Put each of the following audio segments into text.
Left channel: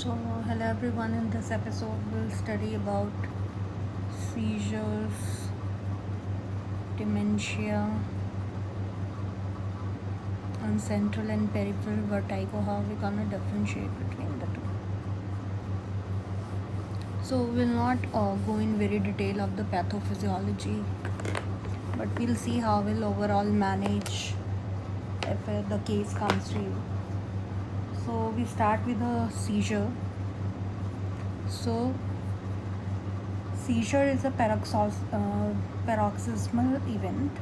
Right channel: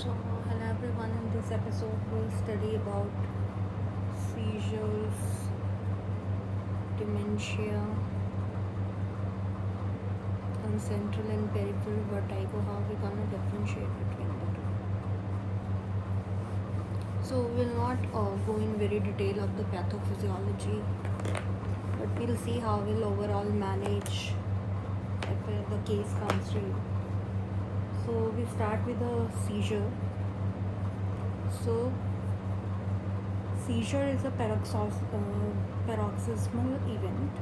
So, hello everyone. In this episode, we'll study about seizures, dementia, and central and peripheral vertigo. How we gonna differentiate between the two? So, we'll not go in very detail of the pathophysiology, but we'll see how we'll overall manage if the case comes to you. So, we start with a seizure. So, seizure is a paroxysmal event,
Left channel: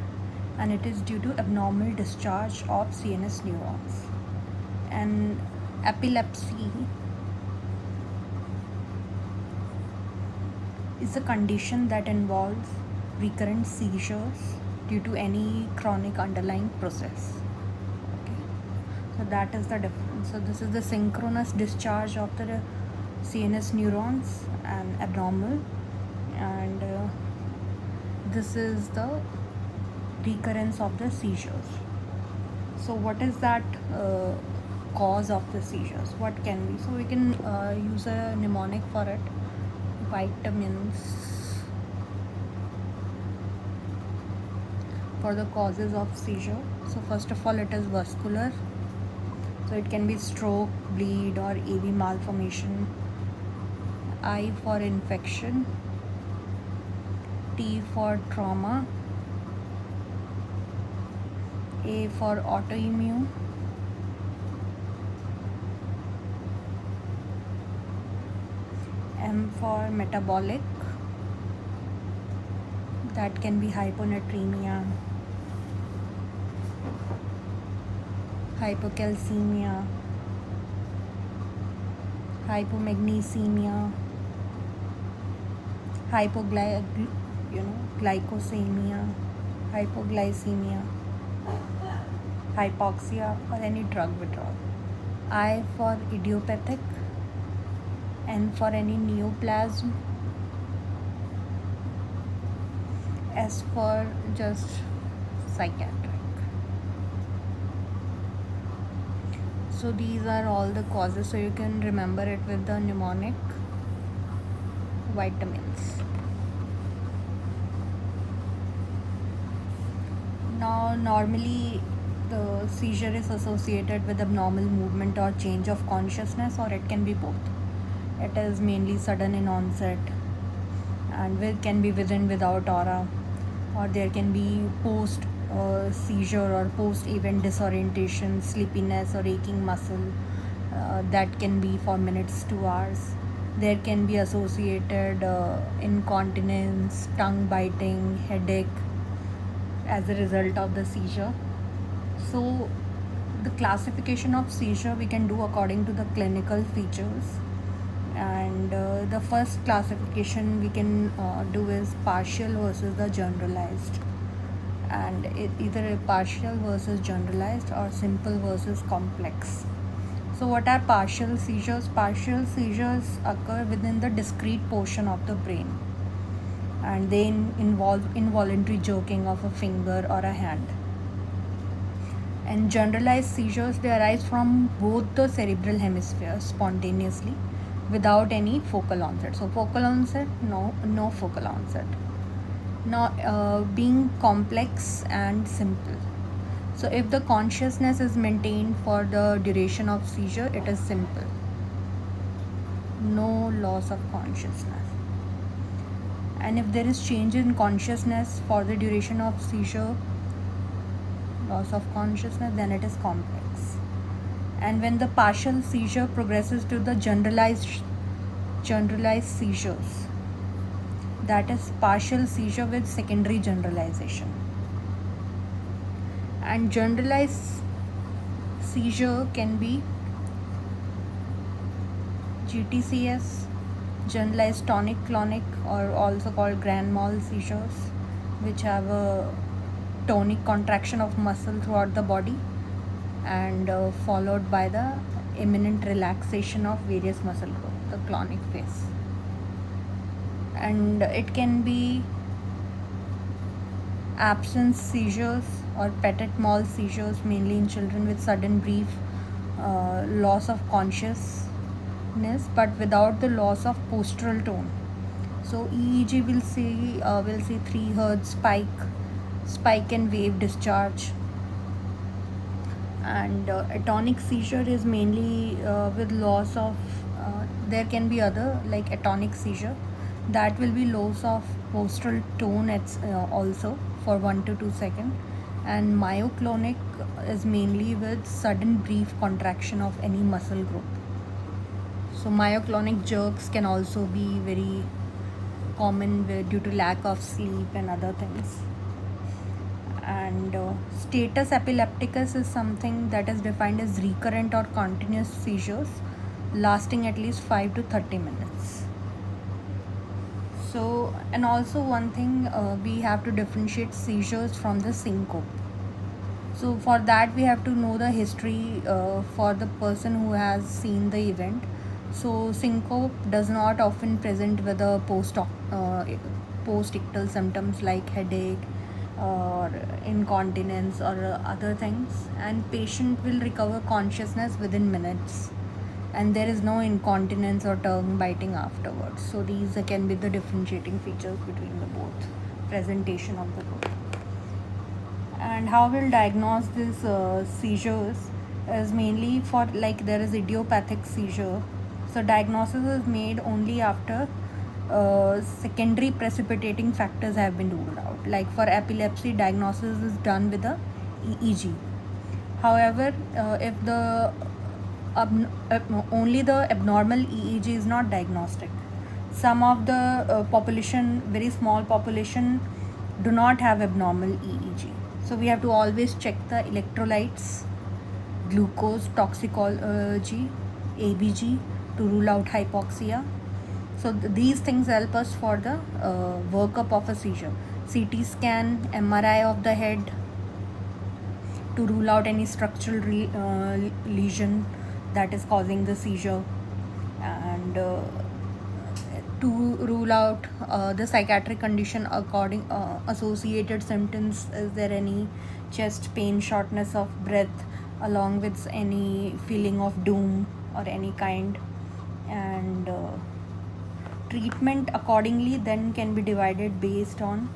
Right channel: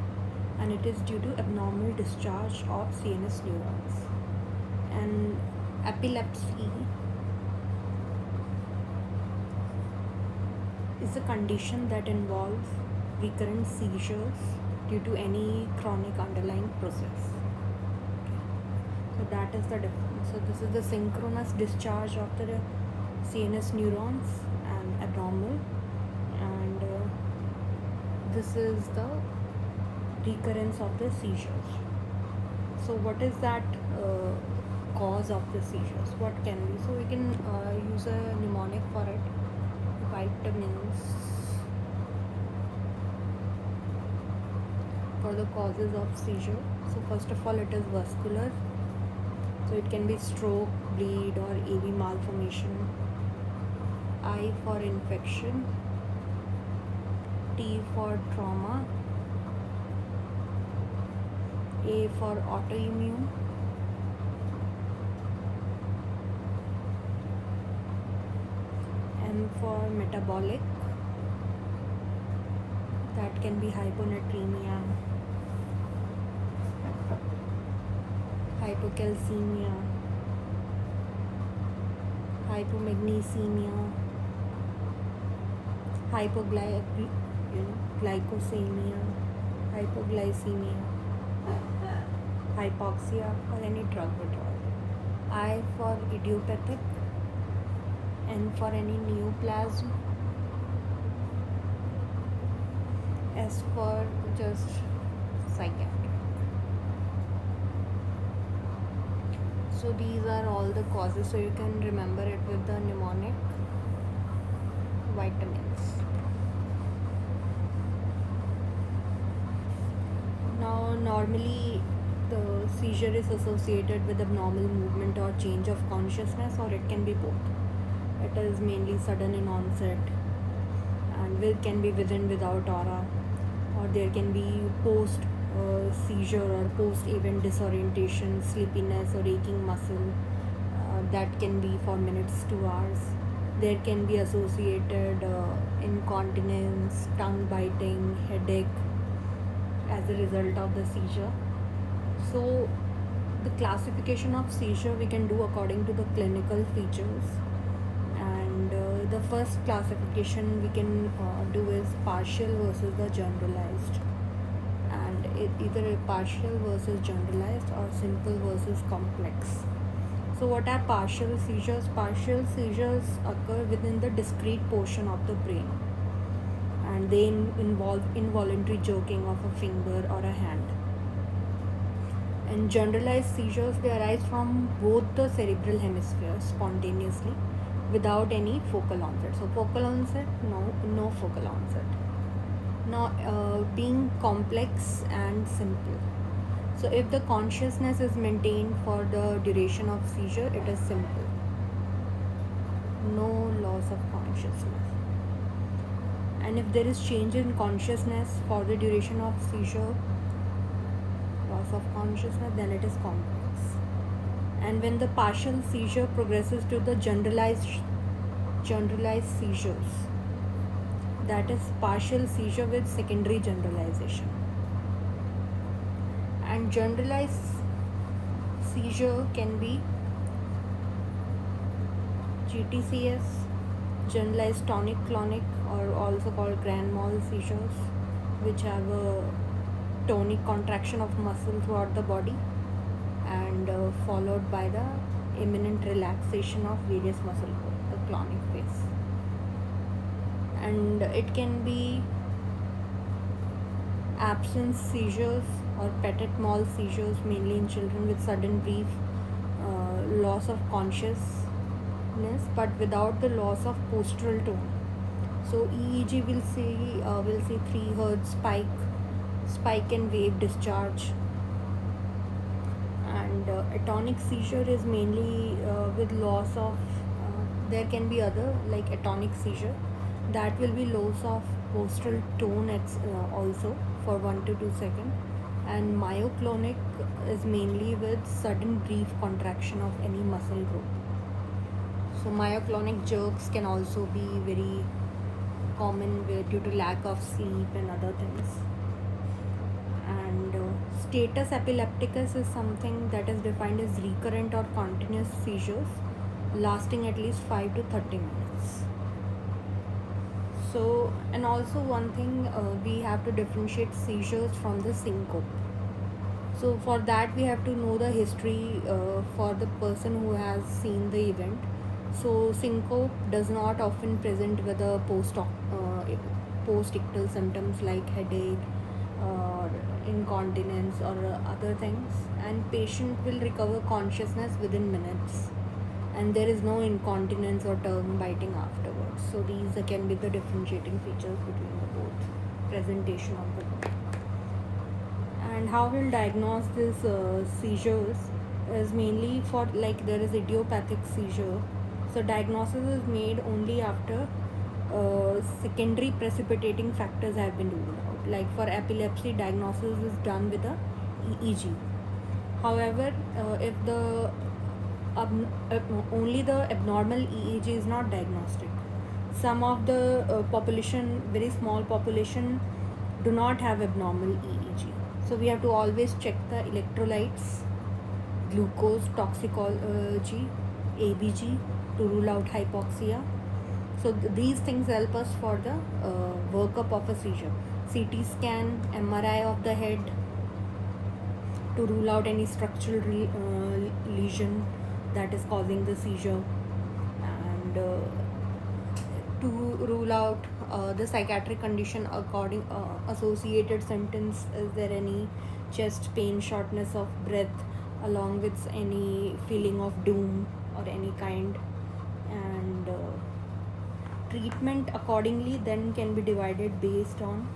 and it is due to abnormal discharge of CNS neurons. And epilepsy is a condition that involves recurrent seizures due to any chronic underlying process. Okay. So that is the difference. So this is the synchronous discharge of the CNS neurons and abnormal, and this is the recurrence of the seizures. So what is that cause of the seizures? What can be? So we can use a mnemonic for it. Vitamins for the causes of seizure. So first of all, it is vascular. So it can be stroke, bleed, or AV malformation. I for infection. T for trauma. A for autoimmune. M for metabolic. That can be hyponatremia, hypocalcemia, hypomagnesemia, glycosemia, hypoglycemia, hypoxia, or any drug withdrawal. I for idiopathic. N for any neoplasm. S for just psychiatric. So these are all the causes, so you can remember it with the mnemonic vitamins. Now normally the seizure is associated with abnormal movement or change of consciousness, or it can be both. It is mainly sudden in onset and can be with and without aura, or there can be post seizure or post event disorientation, sleepiness, or aching muscle that can be for minutes to hours. There can be associated incontinence, tongue biting, headache as a result of the seizure. So the classification of seizure we can do according to the clinical features, and the first classification we can do is partial versus the generalized, and either partial versus generalized or simple versus complex. So what are partial seizures? Partial seizures occur within the discrete portion of the brain, and they involve involuntary jerking of a finger or a hand. And generalized seizures, they arise from both the cerebral hemispheres spontaneously without any focal onset. So focal onset, no focal onset. Now being complex and simple. So if the consciousness is maintained for the duration of seizure, it is simple. No loss of consciousness. And if there is change in consciousness for the duration of seizure, loss of consciousness, then it is complex. And when the partial seizure progresses to the generalized seizures, that is partial seizure with secondary generalization. And generalized seizure can be GTCS, generalized tonic-clonic, or also called grand mal seizures, which have a tonic contraction of muscle throughout the body, and followed by the imminent relaxation of various muscles, the clonic phase. And it can be absence seizures or petit mal seizures, mainly in children with sudden brief loss of consciousness consciousness but without the loss of postural tone. So EEG will see 3 hertz spike and wave discharge. And atonic seizure is mainly with loss of there can be other like atonic seizure, that will be loss of postural tone also for 1 to 2 seconds. And myoclonic is mainly with sudden brief contraction of any muscle group. So myoclonic jerks can also be very common due to lack of sleep and other things. And status epilepticus is something that is defined as recurrent or continuous seizures lasting at least 5 to 30 minutes. So, and also one thing, we have to differentiate seizures from the syncope. So for that we have to know the history for the person who has seen the event. So syncope does not often present with a post-ictal symptoms like headache or incontinence or other things, and patient will recover consciousness within minutes, and there is no incontinence or tongue biting afterwards. So these can be the differentiating features between the both presentation of the book. And how we'll diagnose this seizures is mainly for, like, there is idiopathic seizure. So diagnosis is made only after secondary precipitating factors have been ruled out. Like for epilepsy, diagnosis is done with a EEG. However, if the only the abnormal EEG is not diagnostic, some of the population, very small population, do not have abnormal EEG. So we have to always check the electrolytes, glucose, toxicology, ABG to rule out hypoxia. So these things help us for the workup of a seizure. CT scan, MRI of the head to rule out any structural lesion that is causing the seizure, and to rule out the psychiatric condition associated symptoms. Is there any chest pain, shortness of breath, along with any feeling of doom or any kind? And treatment accordingly then can be divided based on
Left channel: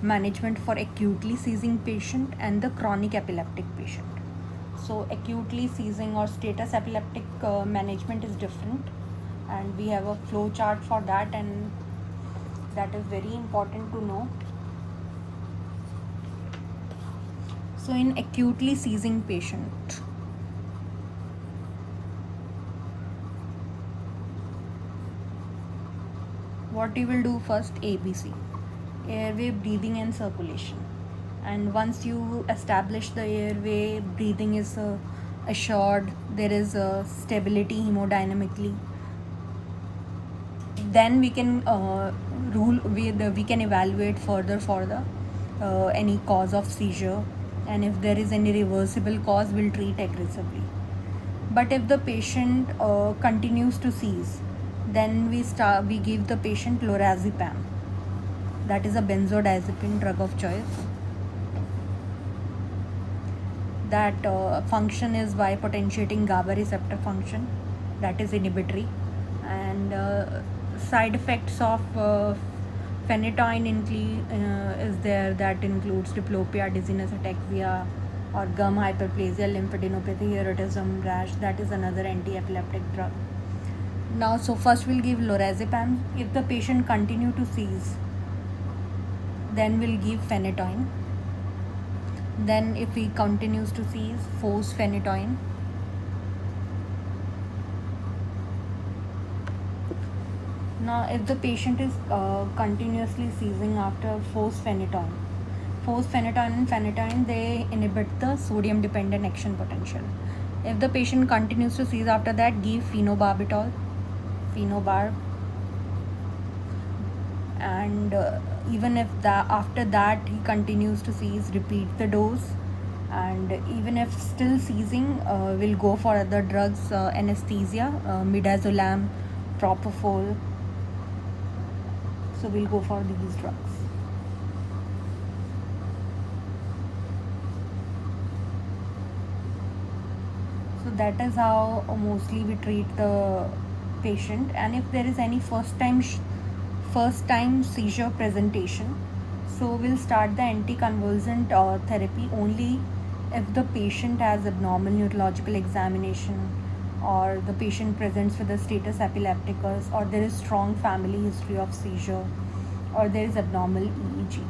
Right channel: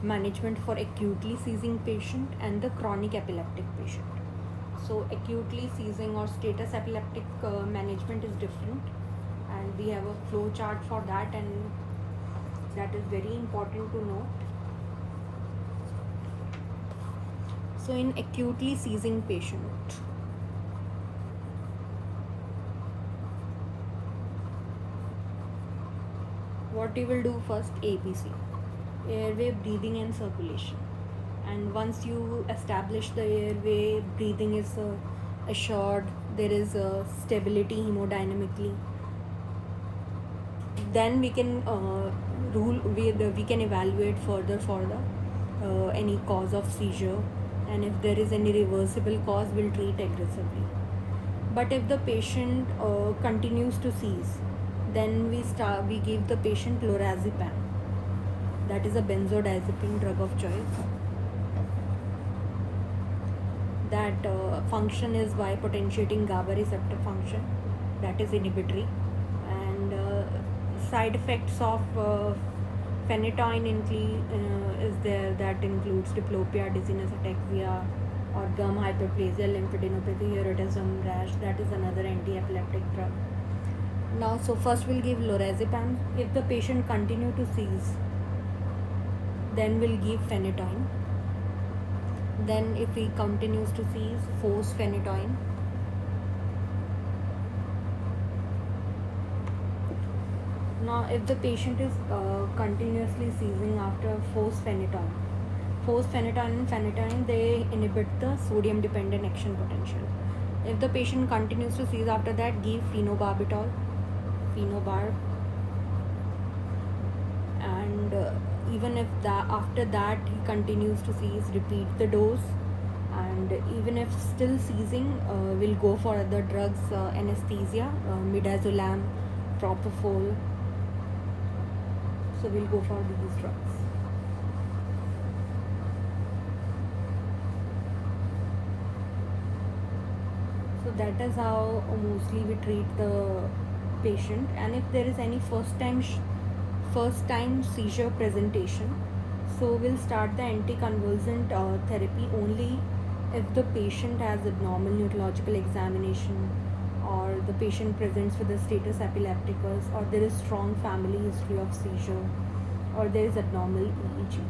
management for acutely seizing patient and the chronic epileptic patient. So acutely seizing or status epileptic management is different, and we have a flow chart for that, and that is very important to note. So in acutely seizing patient, what you will do first, ABC, airway, breathing and circulation. And once you establish the airway, breathing is assured, there is stability hemodynamically, then we can we can evaluate further for the any cause of seizure, and if there is any reversible cause, we'll treat aggressively. But if the patient continues to seize, then we give the patient lorazepam, that is a benzodiazepine drug of choice. That function is by potentiating GABA receptor function, that is inhibitory. And side effects of phenytoin is there, that includes diplopia, dizziness, ataxia, or gum hyperplasia, lymphadenopathy, erotism, rash. That is another anti-epileptic drug. Now, so first we'll give lorazepam. If the patient continue to seize, then we'll give phenytoin. Then if he continues to seize, force phenytoin. Now if the patient is continuously seizing after force phenytoin and phenytoin, they inhibit the sodium dependent action potential. If the patient continues to seize after that, give phenobarbital, phenobarb. And even if after that he continues to seize, repeat the dose. And even if still seizing, we'll go for other drugs, anesthesia, midazolam, propofol. So we'll go for these drugs. So that is how mostly we treat the patient, and if there is any first time seizure presentation, so we'll start the anticonvulsant therapy only if the patient has abnormal neurological examination, or the patient presents with a status epilepticus, or there is strong family history of seizure, or there is abnormal EEG.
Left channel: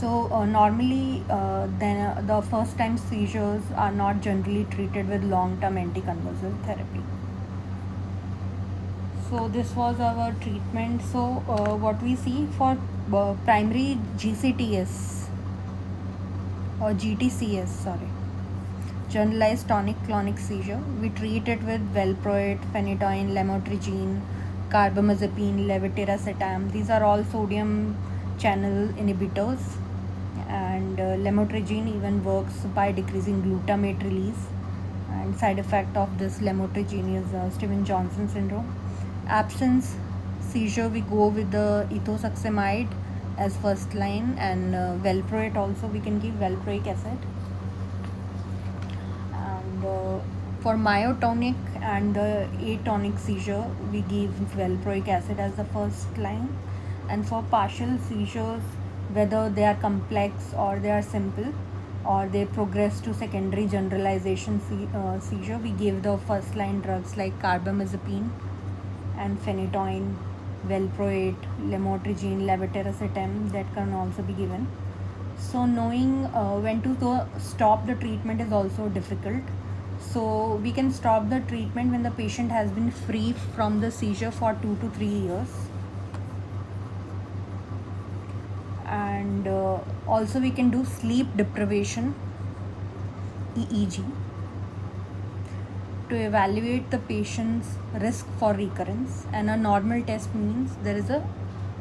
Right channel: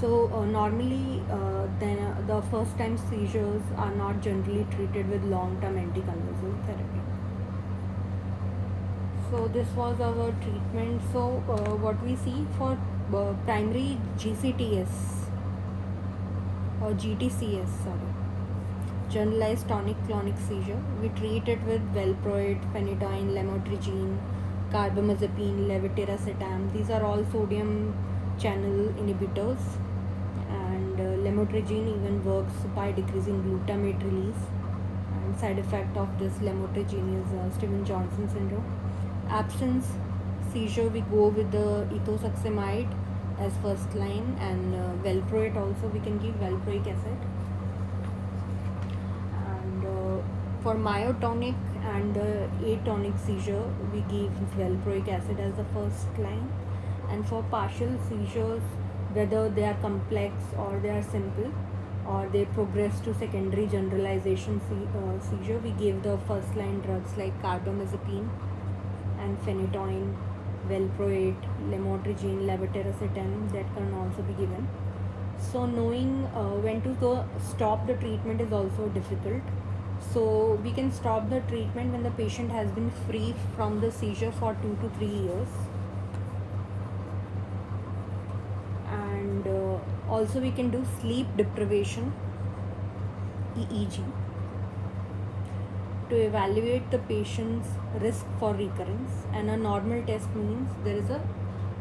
So normally then the first time seizures are not generally treated with long term anticonvulsant therapy. So this was our treatment. So what we see for primary GCTS or GTCS, sorry, generalized tonic-clonic seizure, we treat it with valproate, phenytoin, lamotrigine, carbamazepine, levetiracetam. These are all sodium channel inhibitors, and lamotrigine even works by decreasing glutamate release. And side effect of this lamotrigine is Steven-Johnson syndrome. Absence seizure, we go with the ethosuximide as first line, and valproate also we can give valproic acid. And for myotonic and the atonic seizure, we give valproic acid as the first line. And for partial seizures, whether they are complex or they are simple, or they progress to secondary generalization seizure, we give the first line drugs like carbamazepine and phenytoin, valproate, lamotrigine, levetiracetam, that can also be given. So knowing when to stop the treatment is also difficult. So we can stop the treatment when the patient has been free from the seizure for 2 to 3 years. And also we can do sleep deprivation EEG to evaluate the patient's risk for recurrence, and a normal test means there is a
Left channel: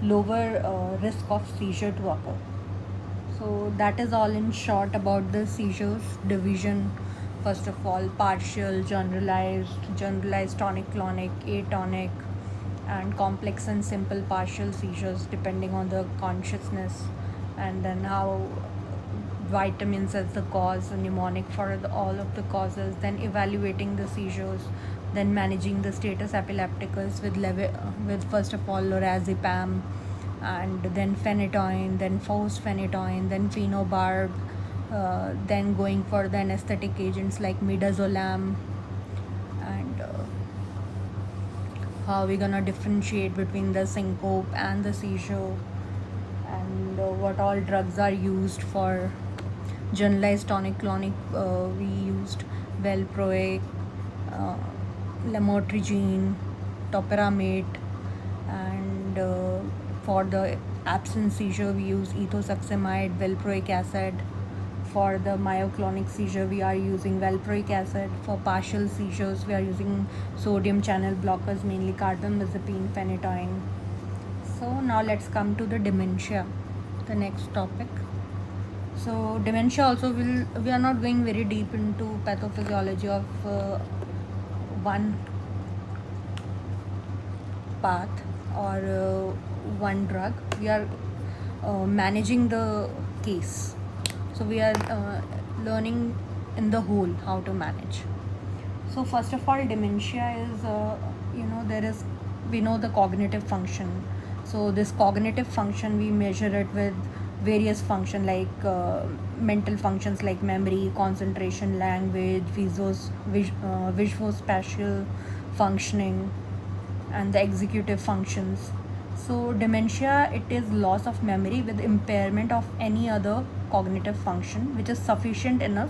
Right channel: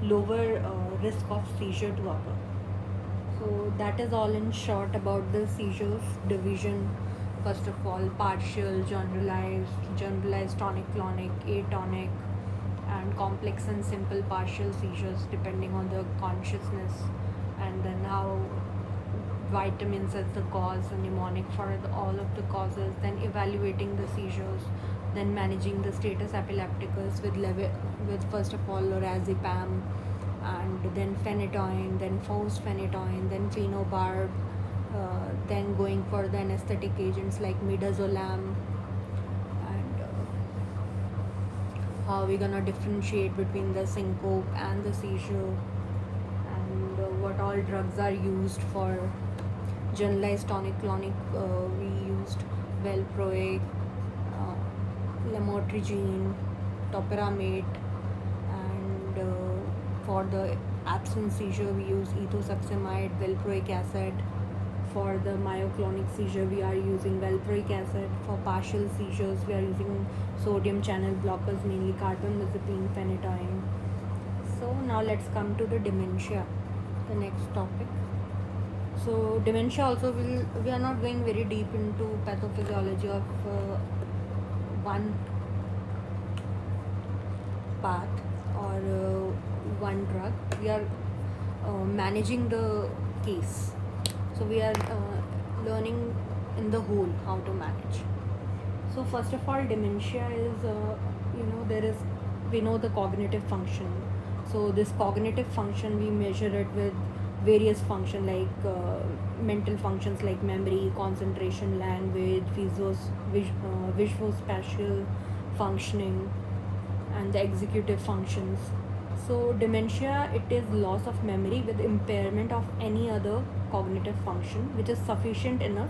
lower risk of seizure to occur. So that is all in short about the seizures division. First of all, partial, generalized tonic-clonic, atonic, and complex and simple partial seizures depending on the consciousness, and then how vitamins as the cause, a mnemonic for all of the causes, then evaluating the seizures, then managing the status epilepticus with first of all lorazepam, and then phenytoin, then phenytoin, then phenobarb, then going for the anesthetic agents like midazolam, and how we're gonna differentiate between the syncope and the seizure, and what all drugs are used for generalized tonic-clonic. We used valproate, lamotrigine, topiramate, and for the absence seizure we use ethosuximide, valproic acid. For the myoclonic seizure we are using valproic acid. For partial seizures we are using sodium channel blockers, mainly carbamazepine, phenytoin. So now let's come to the dementia, the next topic. So dementia also we are not going very deep into pathophysiology of one path or one drug. We are managing the case. So we are learning in the whole how to manage. So first of all, dementia is we know the cognitive function. So this cognitive function we measure it with various functions like mental functions like memory, concentration, language, visuospatial functioning, and the executive functions. So dementia, it is loss of memory with impairment of any other cognitive function which is sufficient enough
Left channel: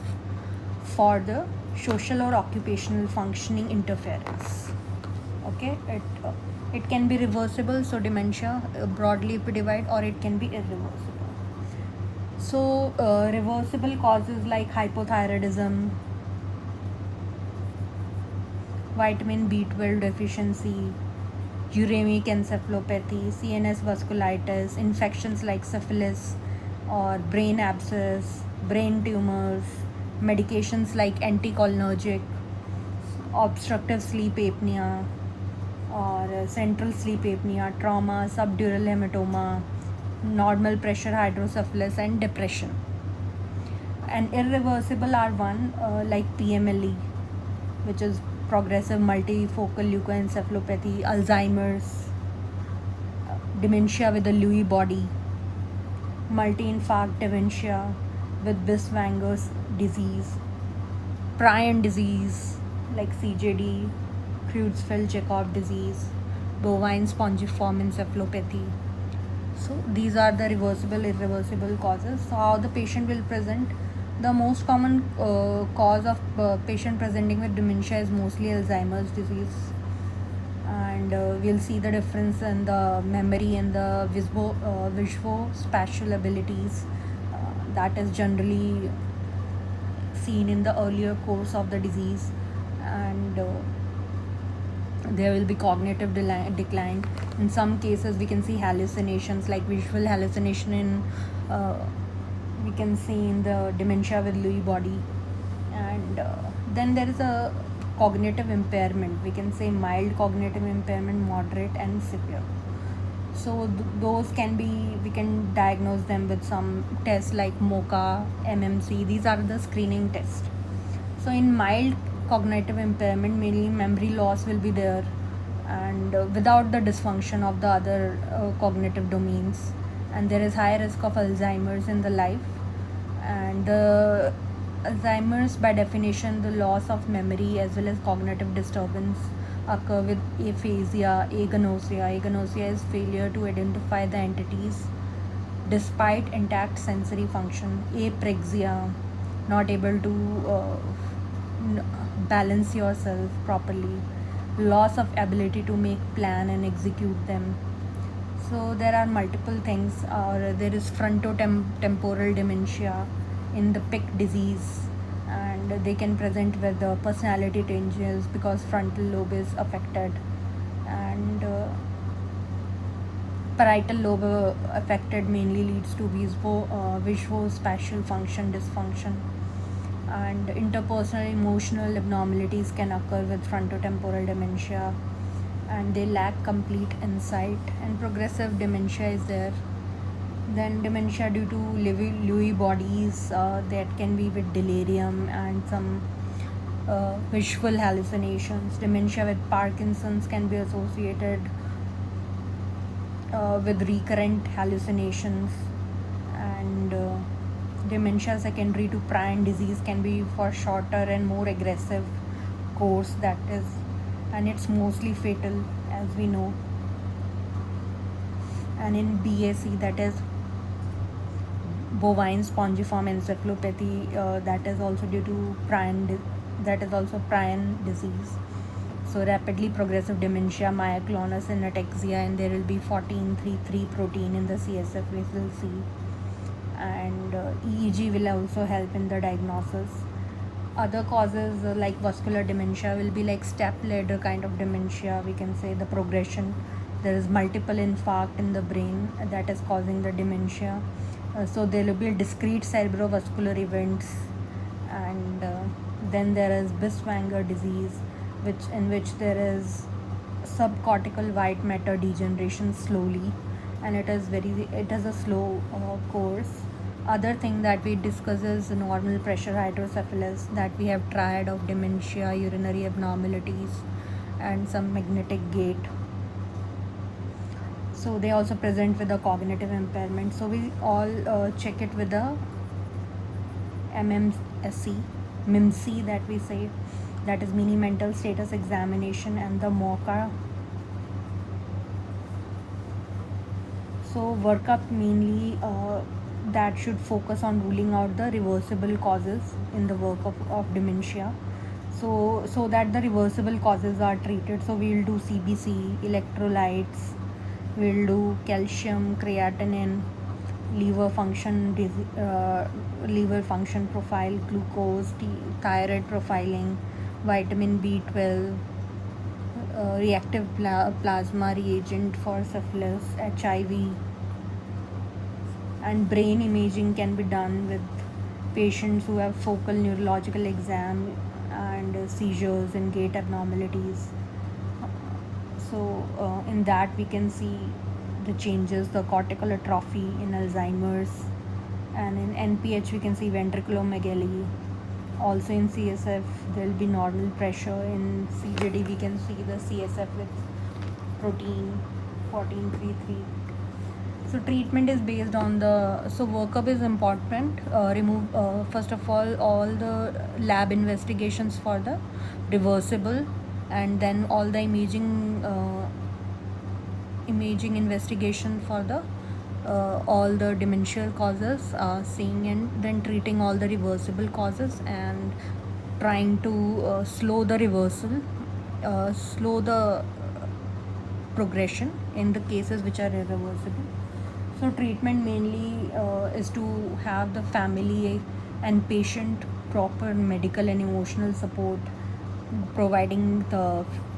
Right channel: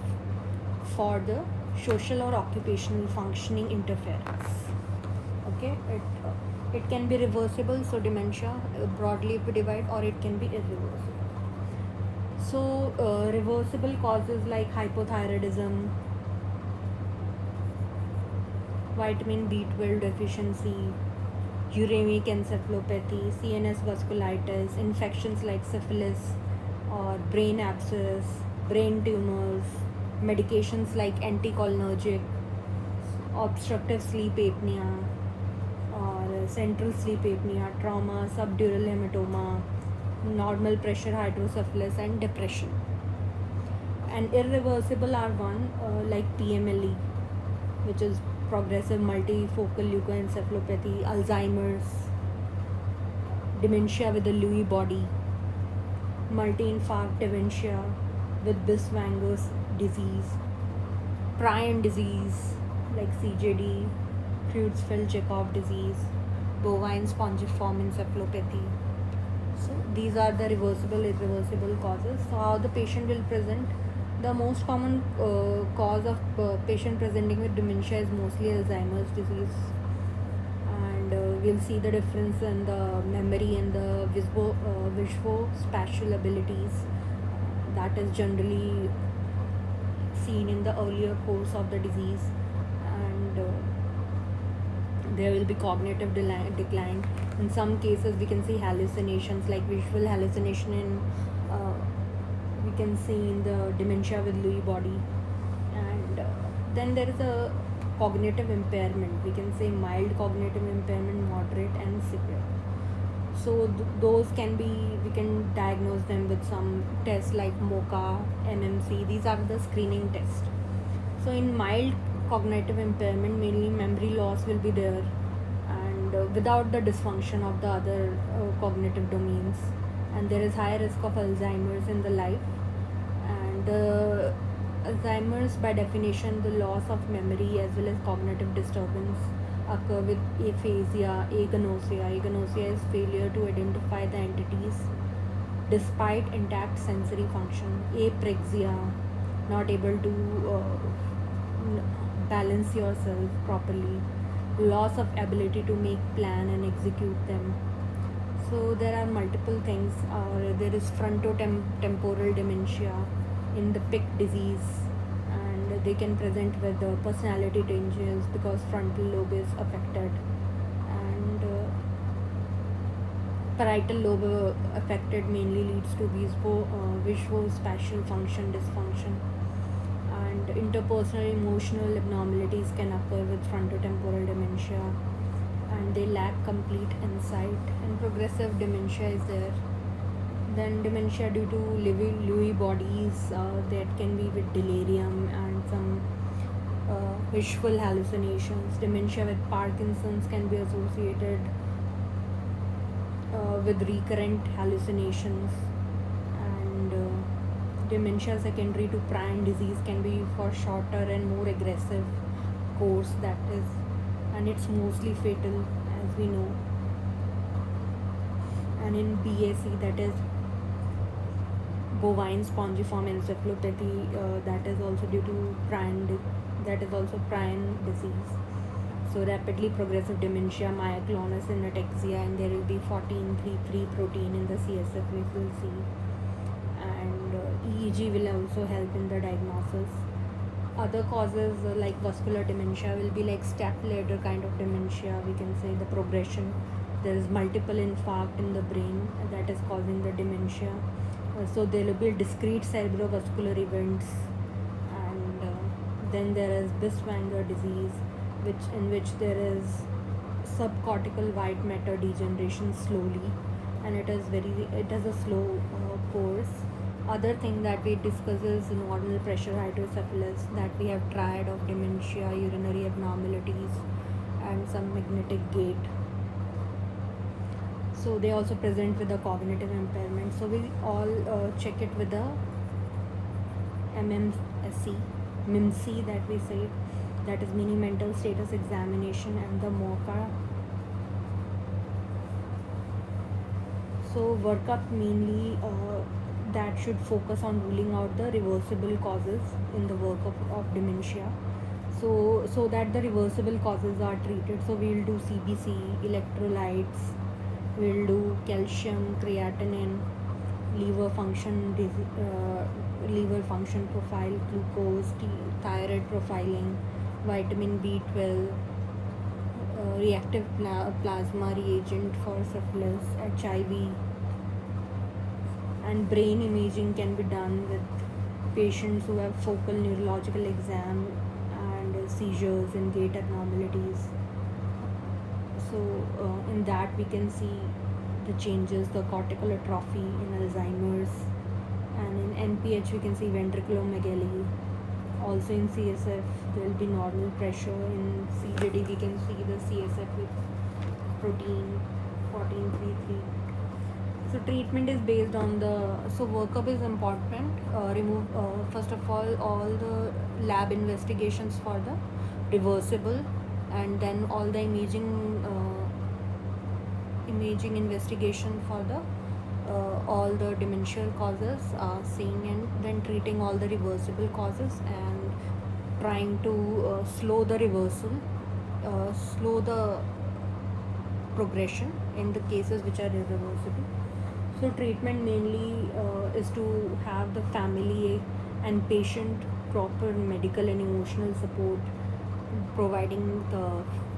for the social or occupational functioning interference. Okay, it can be reversible. So dementia broadly if we divide, or it can be irreversible. So reversible causes like hypothyroidism, vitamin B12 deficiency, uremic encephalopathy, CNS vasculitis, infections like syphilis or brain abscess, brain tumors, medications like anticholinergic, obstructive sleep apnea or central sleep apnea, trauma, subdural hematoma, normal pressure hydrocephalus, and depression. And irreversible are one like PMLE, which is progressive multifocal leukoencephalopathy, Alzheimer's, dementia with the Lewy body, multi-infarct dementia with Binswanger's disease, prion disease like CJD, Creutzfeldt-Jakob disease, bovine spongiform encephalopathy. So these are the reversible, irreversible causes. So how the patient will present? The most common cause of patient presenting with dementia is mostly Alzheimer's disease, and we'll see the difference in the memory and the visuospatial abilities that is generally seen in the earlier course of the disease, and there will be cognitive decline. In some cases we can see hallucinations like visual hallucination we can see in the dementia with Lewy body, and then there is a cognitive impairment. We can say mild cognitive impairment, moderate, and severe. So those can be, we can diagnose them with some tests like MOCA, MMC. These are the screening tests. So in mild cognitive impairment, mainly memory loss will be there, and without the dysfunction of the other cognitive domains, and there is high risk of Alzheimer's in the life. And the Alzheimer's, by definition, the loss of memory as well as cognitive disturbance occur with aphasia, agnosia. Agnosia is failure to identify the entities despite intact sensory function. Apraxia, not able to balance yourself properly. Loss of ability to make plan and execute them. So there are multiple things. There is frontotemporal dementia in the PIC disease, and they can present with personality changes because frontal lobe is affected, and parietal lobe affected mainly leads to visuospatial function dysfunction, and interpersonal emotional abnormalities can occur with frontotemporal dementia, and they lack complete insight, and progressive dementia is there. Then dementia due to Lewy bodies, that can be with delirium and some visual hallucinations. Dementia with Parkinson's can be associated with recurrent hallucinations, and dementia secondary to prion disease can be for shorter and more aggressive course, that is, and it's mostly fatal as we know. And in BAC, that is bovine spongiform encephalopathy, that is also due to prion disease. So rapidly progressive dementia, myoclonus and ataxia, and there will be 14-3 protein in the CSF, we will see, and EEG will also help in the diagnosis. Other causes like vascular dementia will be like step ladder kind of dementia, we can say the progression. There is multiple infarct in the brain that is causing the dementia. So there will be discrete cerebrovascular events, and then there is Binswanger disease, in which there is subcortical white matter degeneration slowly, and it is a slow course. Other thing that we discuss is normal pressure hydrocephalus, that we have triad of dementia, urinary abnormalities, and some magnetic gait. So they also present with a cognitive impairment. So we all check it with the MMC that we say, that is mini mental status examination, and the MOCA. So workup mainly that should focus on ruling out the reversible causes in the work of dementia. So that the reversible causes are treated. So we'll do CBC, electrolytes, we'll do calcium, creatinine, liver function profile, glucose, thyroid profiling, vitamin B12, reactive plasma reagent for syphilis, HIV, and brain imaging can be done with patients who have focal neurological exam and seizures and gait abnormalities. So in that we can see the changes, the cortical atrophy in Alzheimer's, and in NPH we can see ventriculomegaly, Also in CSF there will be normal pressure. In CJD we can see the CSF with protein 1433. So treatment is based on so workup is important. Remove first of all the lab investigations for the reversible, and then all the imaging investigation for the all the demential causes, seeing and then treating all the reversible causes, and trying to slow the reversal, slow the progression in the cases which are irreversible. So treatment mainly is to have the family and patient proper medical and emotional support, providing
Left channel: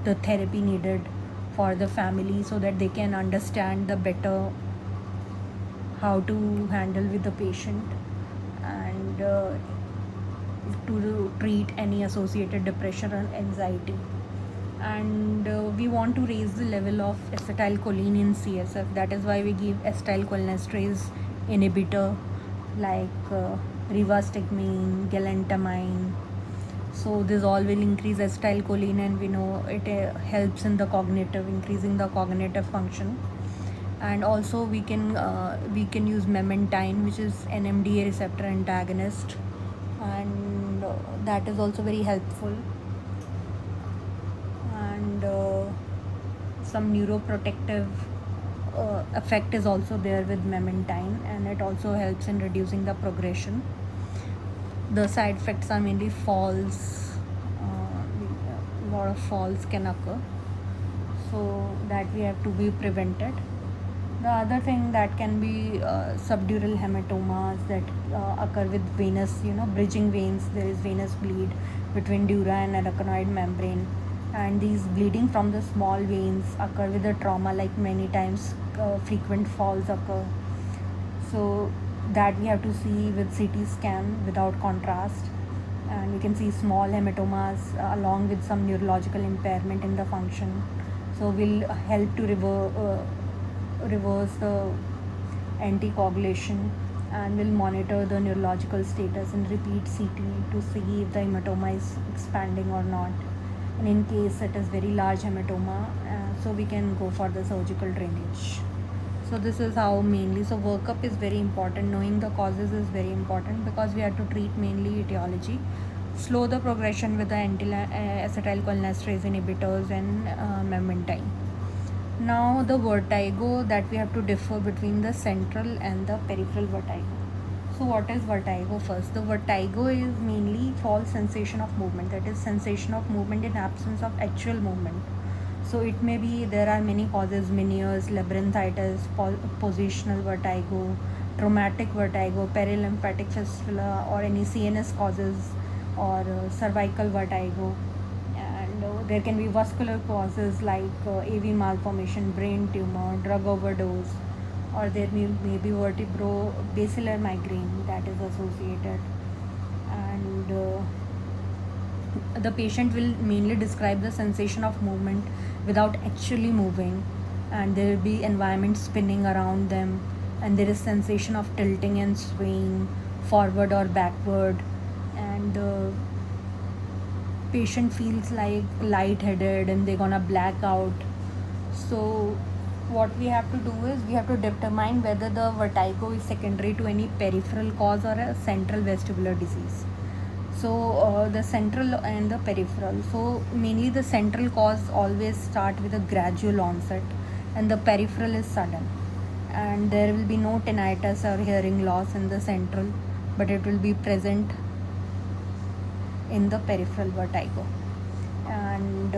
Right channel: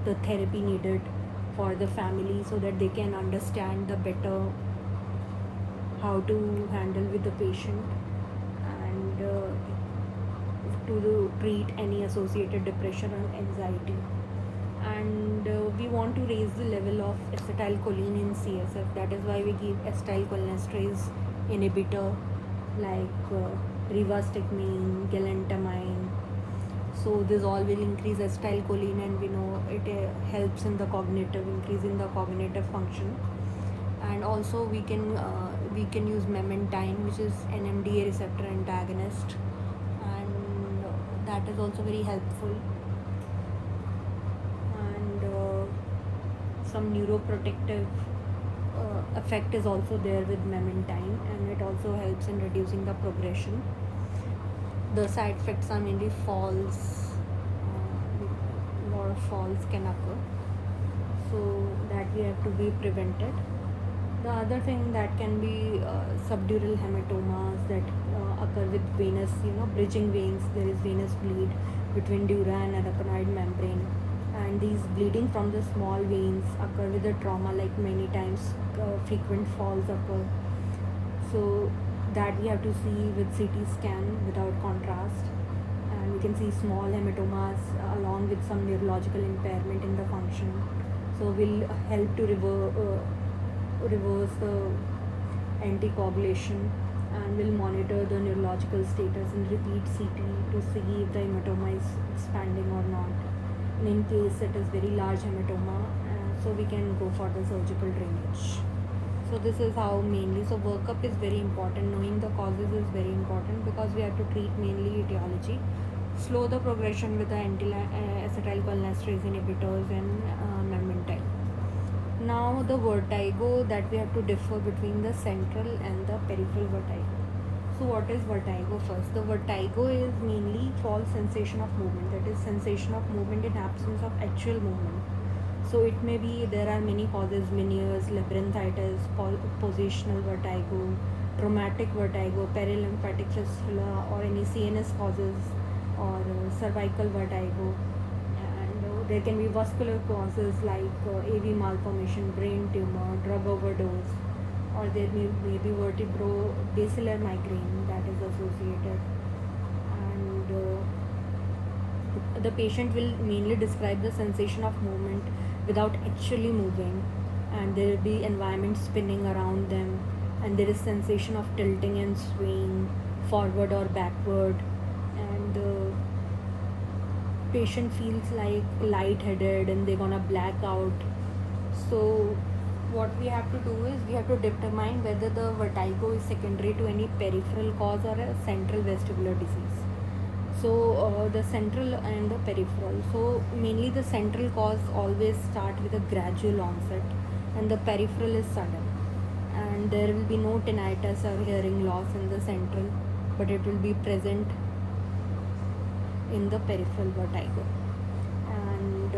the therapy needed for the family so that they can understand the better how to handle with the patient, and to treat any associated depression and anxiety. And we want to raise the level of acetylcholine in CSF. That is why we give acetylcholinesterase inhibitor like rivastigmine, galantamine. So this all will increase acetylcholine, and we know it helps in the increasing the cognitive function. And also we can use memantine, which is NMDA receptor antagonist, and that is also very helpful. And some neuroprotective effect is also there with memantine, and it also helps in reducing the progression. The side effects are mainly falls. A lot of falls can occur, so that we have to be prevented. The other thing that can be subdural hematomas that occur with venous, bridging veins. There is venous bleed between dura and arachnoid membrane, and these bleeding from the small veins occur with the trauma, like many times frequent falls occur. So that we have to see with CT scan without contrast, and we can see small hematomas along with some neurological impairment in the function. So will help to reverse the anticoagulation, and will monitor the neurological status and repeat CT to see if the hematoma is expanding or not. And in case it is very large hematoma, so we can go for the surgical drainage. So this is how mainly. So workup is very important. Knowing the causes is very important, because we have to treat mainly etiology, slow the progression with the acetylcholinesterase inhibitors and memantine. Now the vertigo, that we have to differ between the central and the peripheral vertigo. So what is vertigo first? The vertigo is mainly false sensation of movement, that is sensation of movement in absence of actual movement. So it may be, there are many causes: Meniere's, labyrinthitis, positional vertigo, traumatic vertigo, perilymphatic fistula, or any CNS causes, or cervical vertigo. And there can be vascular causes like AV malformation, brain tumor, drug overdose, or there may be vertebro-basilar migraine that is associated. And the patient will mainly describe the sensation of movement without actually moving, and there will be environment spinning around them, and there is sensation of tilting and swaying forward or backward, and the patient feels like lightheaded and they're gonna black out. So what we have to do is we have to determine whether the vertigo is secondary to any peripheral cause or a central vestibular disease. So the central and the peripheral. So mainly the central cause always start with a gradual onset, and the peripheral is sudden. And there will be no tinnitus or hearing loss in the central, but it will be present in the peripheral vertigo. And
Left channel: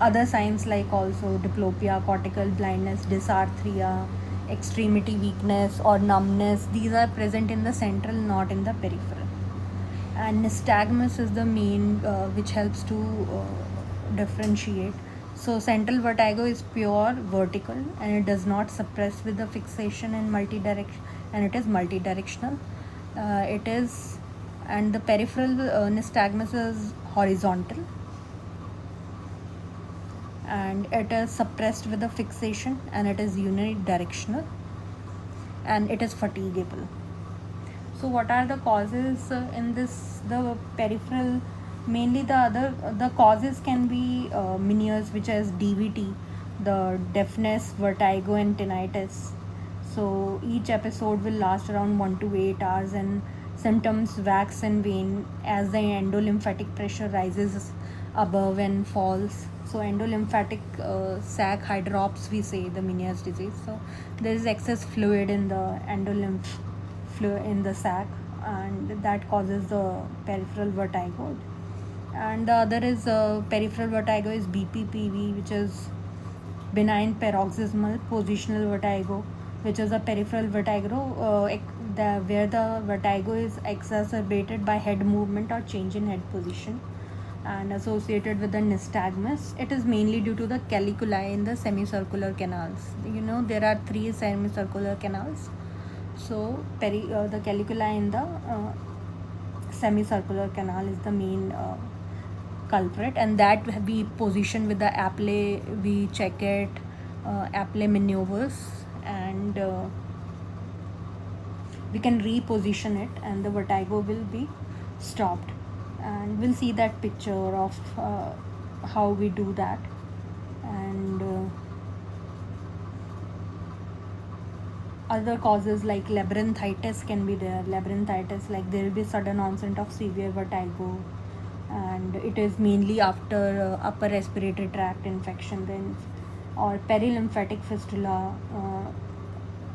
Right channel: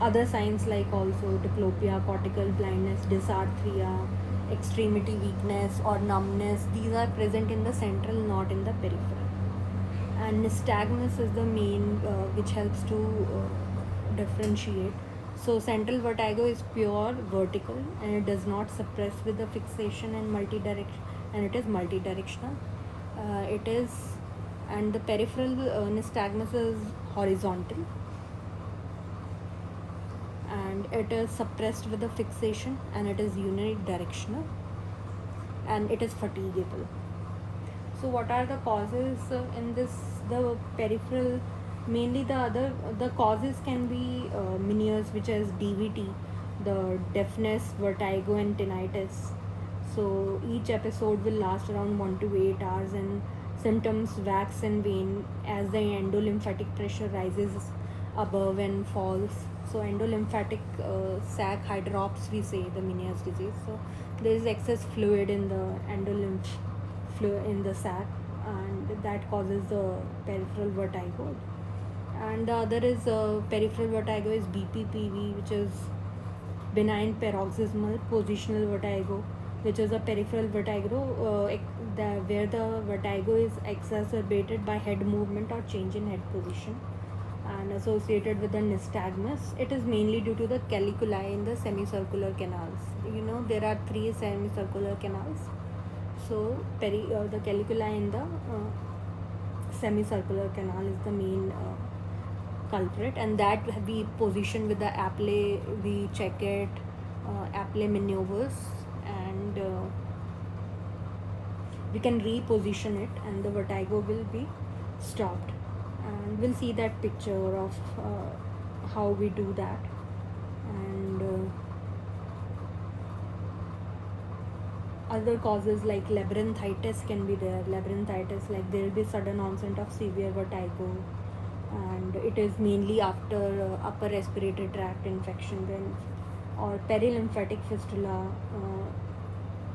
other signs like also diplopia, cortical blindness, dysarthria, extremity weakness or numbness, these are present in the central, not in the peripheral. And nystagmus is the main which helps to differentiate. So central vertigo is pure vertical, and it does not suppress with the fixation in multi-direction, and it is multidirectional. And the peripheral nystagmus is horizontal, and it is suppressed with the fixation, and it is unidirectional, and it is fatigable. So what are the causes in this? The peripheral, mainly the causes can be Meniere's, which is DVT, the deafness, vertigo, and tinnitus. So each episode will last around 1 to 8 hours, and symptoms wax and wane as the endolymphatic pressure rises above and falls. So endolymphatic sac hydrops, we say, the Meniere's disease. So there is excess fluid in the endolymph fluid in the sac, and that causes the peripheral vertigo. And the other is peripheral vertigo is BPPV, which is benign paroxysmal positional vertigo, which is a peripheral vertigo where the vertigo is exacerbated by head movement or change in head position, and associated with the nystagmus. It is mainly due to the caliculi in the semicircular canals. There are 3 semicircular canals. So the caliculi in the semicircular canal is the main culprit, and that we position with the apple. We check it, apple maneuvers, and we can reposition it, and the vertigo will be stopped. And we'll see that picture of how we do that. And other causes like labyrinthitis can be there. Labyrinthitis, like there will be sudden onset of severe vertigo, and it is mainly after upper respiratory tract infection. Then, or perilymphatic fistula,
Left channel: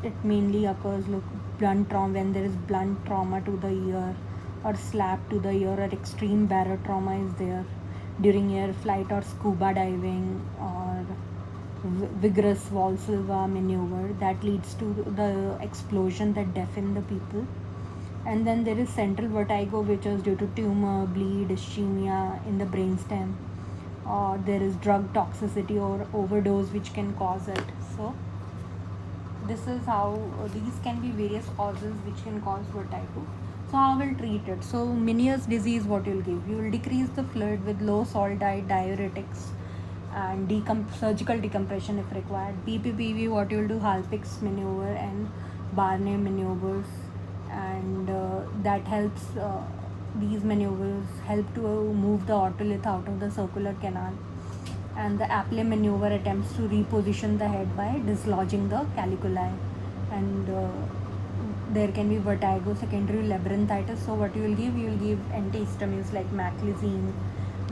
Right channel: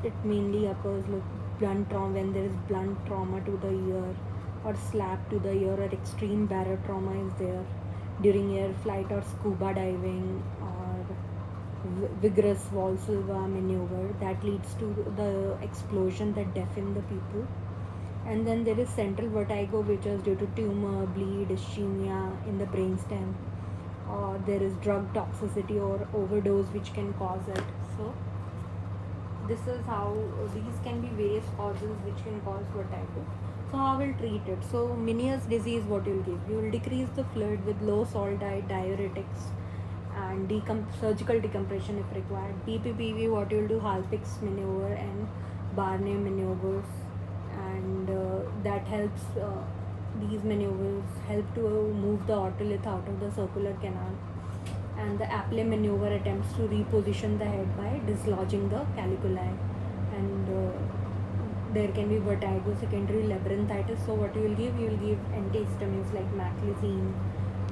it mainly occurs blunt trauma, when there is blunt trauma to the ear, or slap to the ear, or extreme barotrauma is there during air flight or scuba diving, or vigorous Valsalva maneuver that leads to the explosion that deafen the people. And then there is central vertigo, which is due to tumor, bleed, ischemia in the brainstem, or there is drug toxicity or overdose which can cause it. So this is how these can be various causes which can cause vertigo. So how we'll treat it? So Meniere's disease, what you'll give? You will decrease the fluid with low salt diet, diuretics, and surgical decompression if required. BPPV, what you'll do? Halpix maneuver and Barney maneuvers, and that helps. These maneuvers help to move the otolith out of the circular canal. And the apple maneuver attempts to reposition the head by dislodging the caliculi. And there can be vertigo, secondary labyrinthitis. So what you will give? You will give antihistamines like maclizine,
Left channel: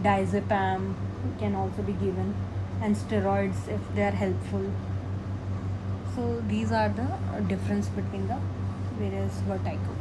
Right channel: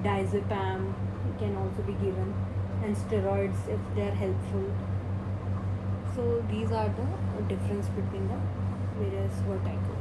diazepam can also be given, and steroids if they are helpful. So these are the difference between the various vertigo.